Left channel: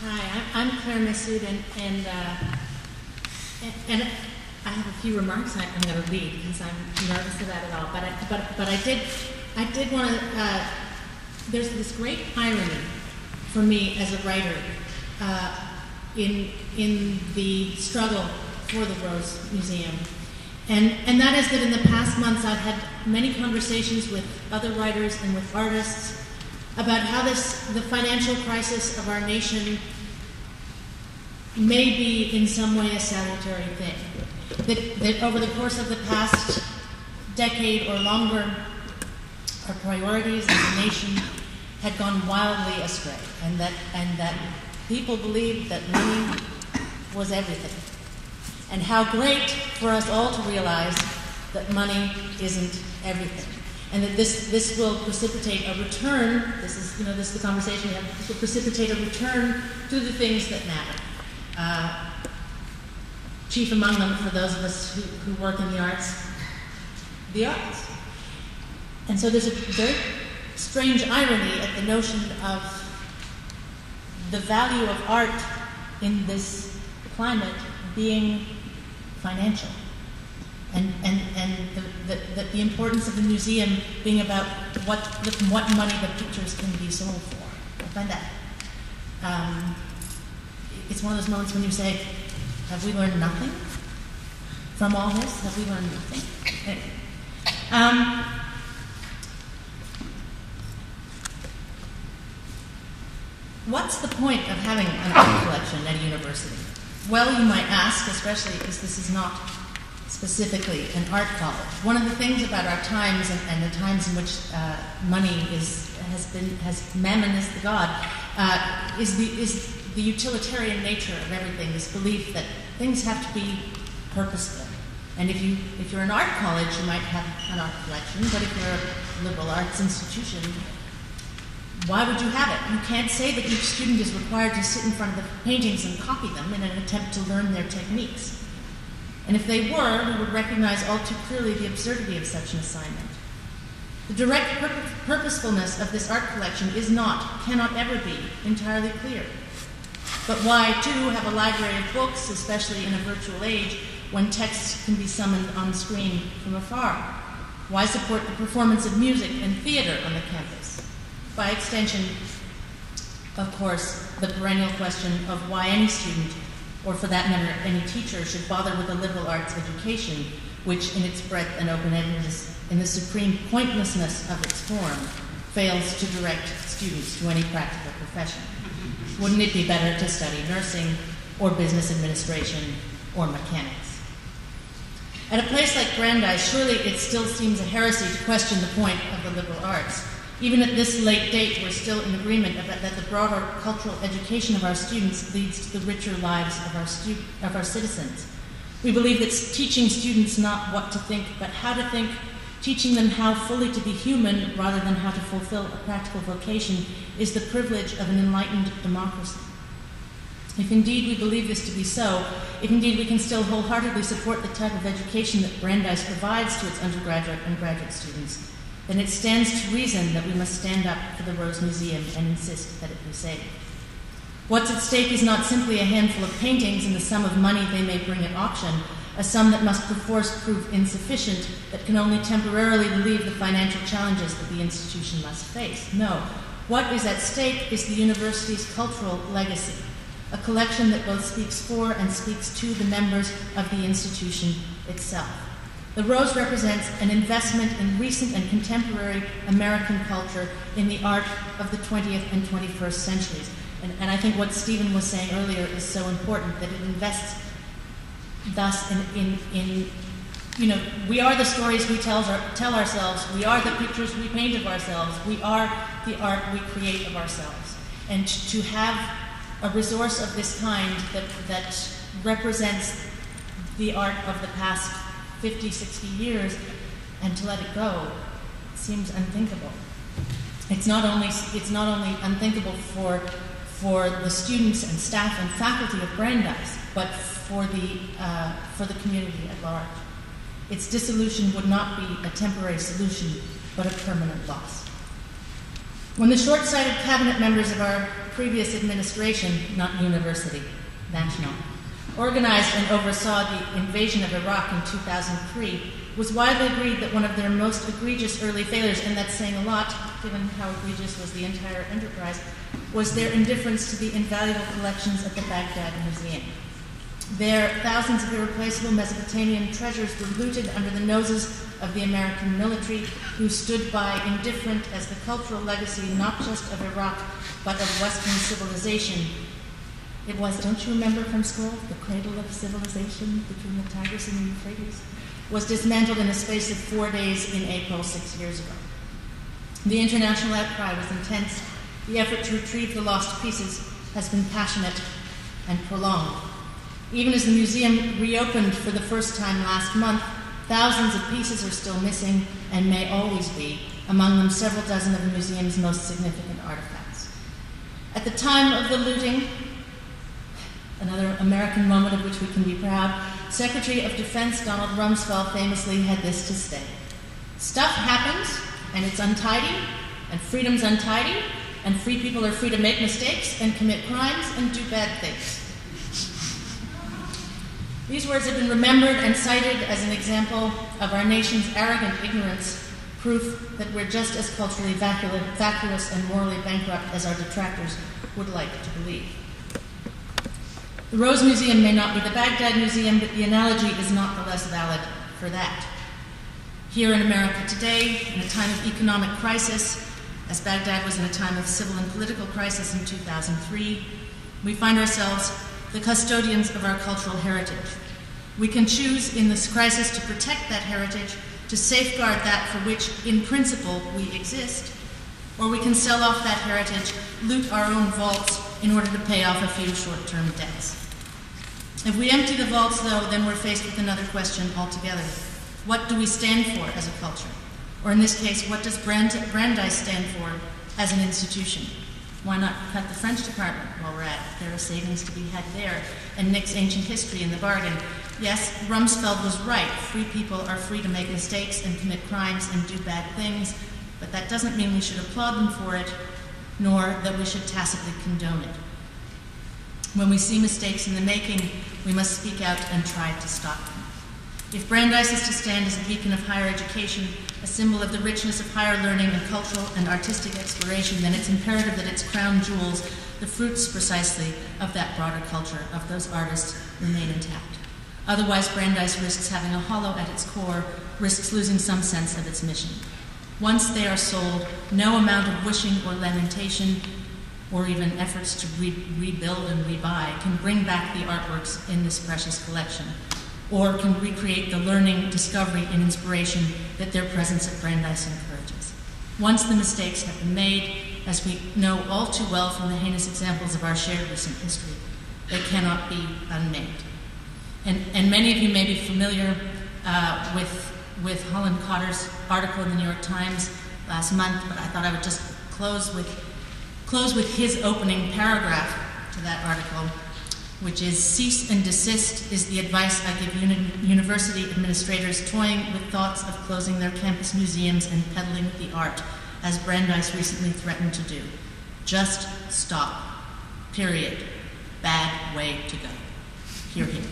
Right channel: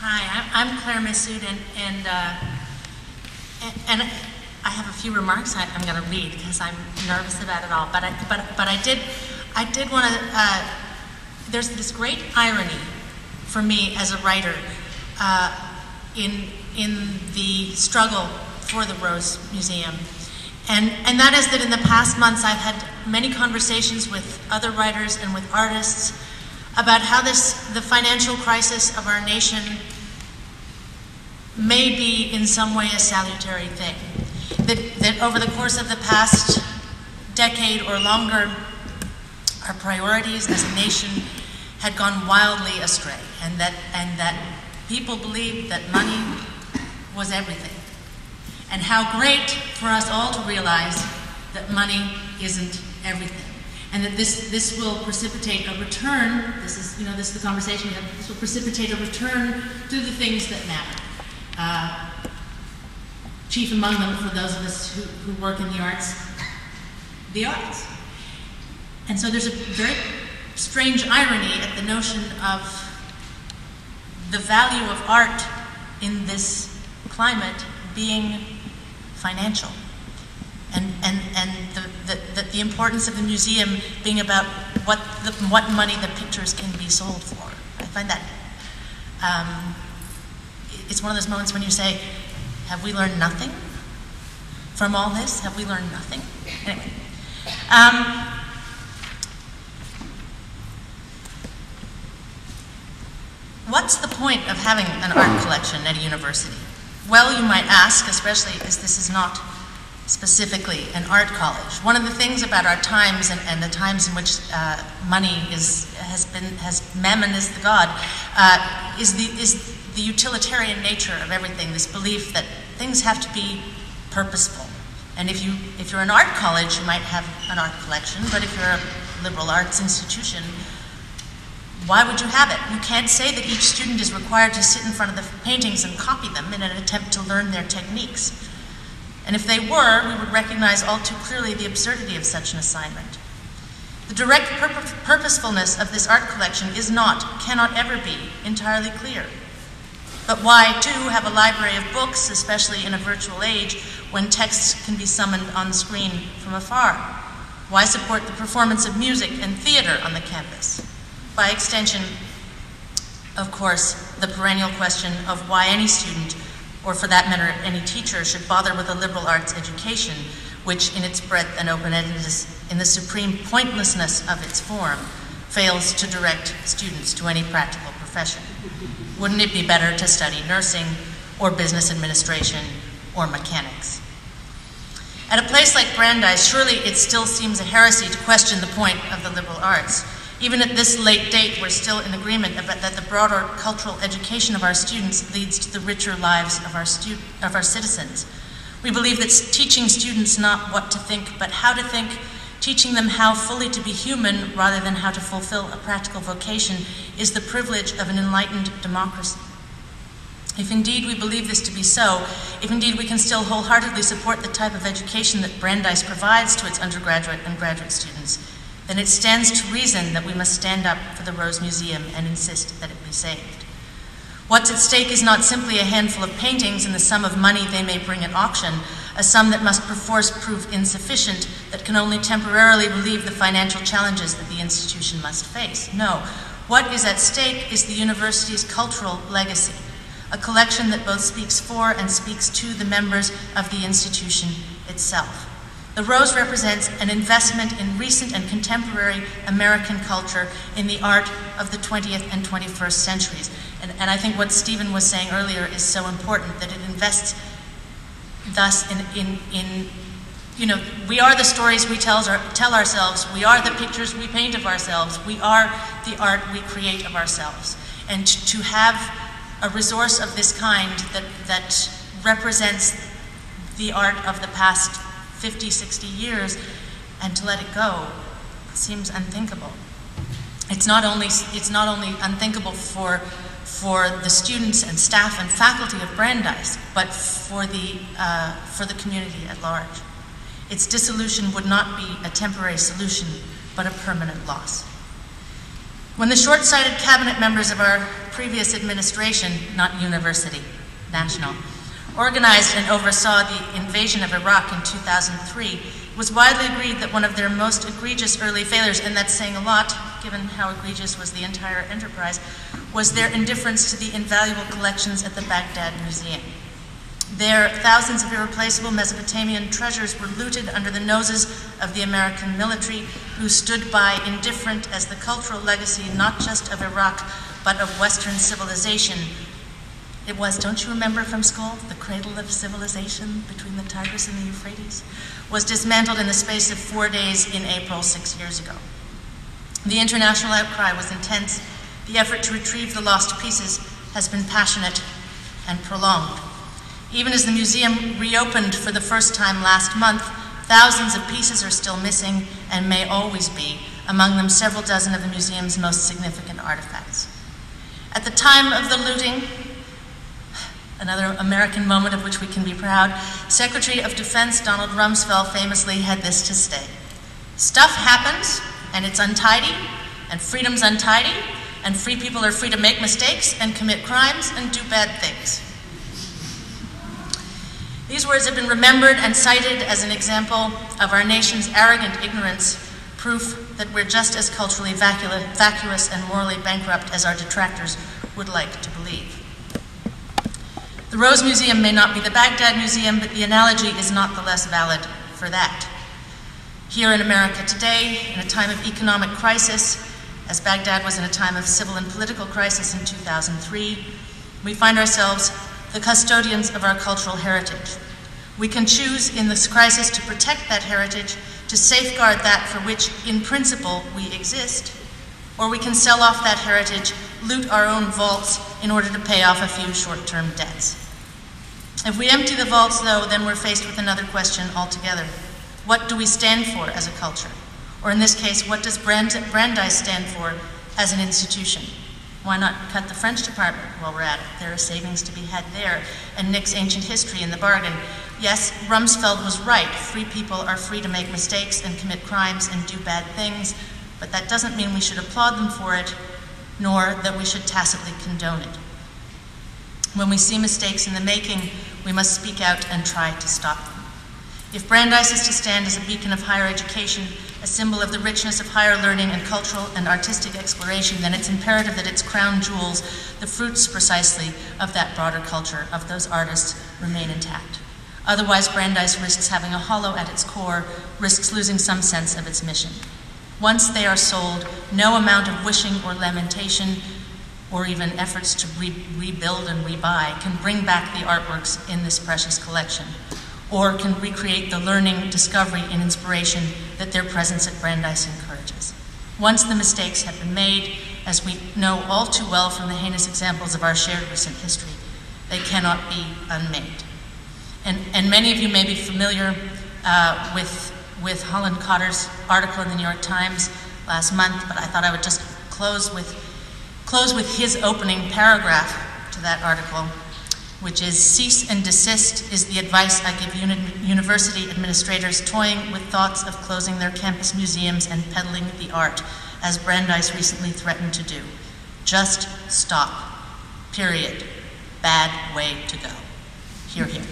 Hi, I'm Claire Massud, and I have a few remarks I'm going to read because I'm nervous about it all. But I did want to. There's this great irony for me as a writer in the struggle for the Rose Museum, and that is that in the past months I've had many conversations with other writers and with artists about how the financial crisis of our nation may be in some way a salutary thing. That over the course of the past decade or longer, our priorities as a nation had gone wildly astray, and that people believed that money was everything. And how great for us all to realize that money isn't everything. And that this will precipitate a return, this is the conversation we have, this will precipitate a return to the things that matter. Chief among them, for those of us who work in the arts. And so there's a very strange irony at the notion of the value of art in this climate being financial. And the importance of the museum being about what money the pictures can be sold for. I find that it's one of those moments when you say, have we learned nothing from all this? Have we learned nothing? Anyway. What's the point of having an art collection at a university? Well, you might ask, especially as this is not specifically an art college. One of the things about our times and the times in which money has mammon is the god, is the utilitarian nature of everything. This belief that things have to be purposeful. And if you're an art college, you might have an art collection. But if you're a liberal arts institution, why would you have it? You can't say that each student is required to sit in front of the paintings and copy them in an attempt to learn their techniques. And if they were, we would recognize all too clearly the absurdity of such an assignment. The direct purposefulness of this art collection is not, cannot ever be, entirely clear. But why, too, have a library of books, especially in a virtual age, when texts can be summoned on screen from afar? Why support the performance of music and theater on the campus? By extension, of course, the perennial question of why any student, or for that matter, any teacher, should bother with a liberal arts education, which in its breadth and open-endedness, in the supreme pointlessness of its form, fails to direct students to any practical profession. Wouldn't it be better to study nursing, or business administration, or mechanics? At a place like Brandeis, surely it still seems a heresy to question the point of the liberal arts. Even at this late date, we're still in agreement that the broader cultural education of our students leads to the richer lives of our citizens. We believe that teaching students not what to think, but how to think, teaching them how fully to be human rather than how to fulfill a practical vocation, is the privilege of an enlightened democracy. If indeed we believe this to be so, if indeed we can still wholeheartedly support the type of education that Brandeis provides to its undergraduate and graduate students, then it stands to reason that we must stand up for the Rose Museum and insist that it be saved. What's at stake is not simply a handful of paintings and the sum of money they may bring at auction, a sum that must perforce prove insufficient, that can only temporarily relieve the financial challenges that the institution must face. No, what is at stake is the university's cultural legacy, a collection that both speaks for and speaks to the members of the institution itself. The Rose represents an investment in recent and contemporary American culture in the art of the 20th and 21st centuries. And I think what Stephen was saying earlier is so important, that it invests thus in we are the stories we tell ourselves, we are the pictures we paint of ourselves, we are the art we create of ourselves. And to have a resource of this kind that represents the art of the past 50, 60 years, and to let it go seems unthinkable. It's not only unthinkable for the students and staff and faculty of Brandeis, but for the community at large. Its dissolution would not be a temporary solution, but a permanent loss. When the short-sighted cabinet members of our previous administration, not university, national, organized and oversaw the invasion of Iraq in 2003, was widely agreed that one of their most egregious early failures, and that's saying a lot given how egregious was the entire enterprise, was their indifference to the invaluable collections at the Baghdad Museum. There, thousands of irreplaceable Mesopotamian treasures were looted under the noses of the American military, who stood by indifferent as the cultural legacy not just of Iraq, but of Western civilization. It was, don't you remember from school, the cradle of civilization between the Tigris and the Euphrates, was dismantled in the space of 4 days in April 6 years ago. The international outcry was intense. The effort to retrieve the lost pieces has been passionate and prolonged. Even as the museum reopened for the first time last month, thousands of pieces are still missing and may always be, among them several dozen of the museum's most significant artifacts. At the time of the looting, another American moment of which we can be proud, Secretary of Defense Donald Rumsfeld famously had this to say: "Stuff happens, and it's untidy, and freedom's untidy, and free people are free to make mistakes and commit crimes and do bad things." These words have been remembered and cited as an example of our nation's arrogant ignorance, proof that we're just as culturally vacuous and morally bankrupt as our detractors would like to believe. The Rose Museum may not be the Baghdad Museum, but the analogy is not the less valid for that. Here in America today, in a time of economic crisis, as Baghdad was in a time of civil and political crisis in 2003, we find ourselves the custodians of our cultural heritage. We can choose in this crisis to protect that heritage, to safeguard that for which, in principle, we exist, or we can sell off that heritage, loot our own vaults in order to pay off a few short-term debts. If we empty the vaults, though, then we're faced with another question altogether. What do we stand for as a culture? Or in this case, what does Brandeis stand for as an institution? Why not cut the French department while we're at it? There are savings to be had there, and Nick's ancient history in the bargain. Yes, Rumsfeld was right. Free people are free to make mistakes and commit crimes and do bad things, but that doesn't mean we should applaud them for it, nor that we should tacitly condone it. When we see mistakes in the making, we must speak out and try to stop them. If Brandeis is to stand as a beacon of higher education, a symbol of the richness of higher learning and cultural and artistic exploration, then it's imperative that its crown jewels, the fruits precisely of that broader culture, of those artists, remain intact. Otherwise, Brandeis risks having a hollow at its core, risks losing some sense of its mission. Once they are sold, no amount of wishing or lamentation, or even efforts to rebuild and rebuy, can bring back the artworks in this precious collection, or can recreate the learning, discovery, and inspiration that their presence at Brandeis encourages. Once the mistakes have been made, as we know all too well from the heinous examples of our shared recent history, they cannot be unmade. And many of you may be familiar with Holland Cotter's article in the New York Times last month, but I thought I would just close with his opening paragraph to that article, which is, "Cease and desist is the advice I give university administrators toying with thoughts of closing their campus museums and peddling the art, as Brandeis recently threatened to do. Just stop. Period. Bad way to go." Hear, hear.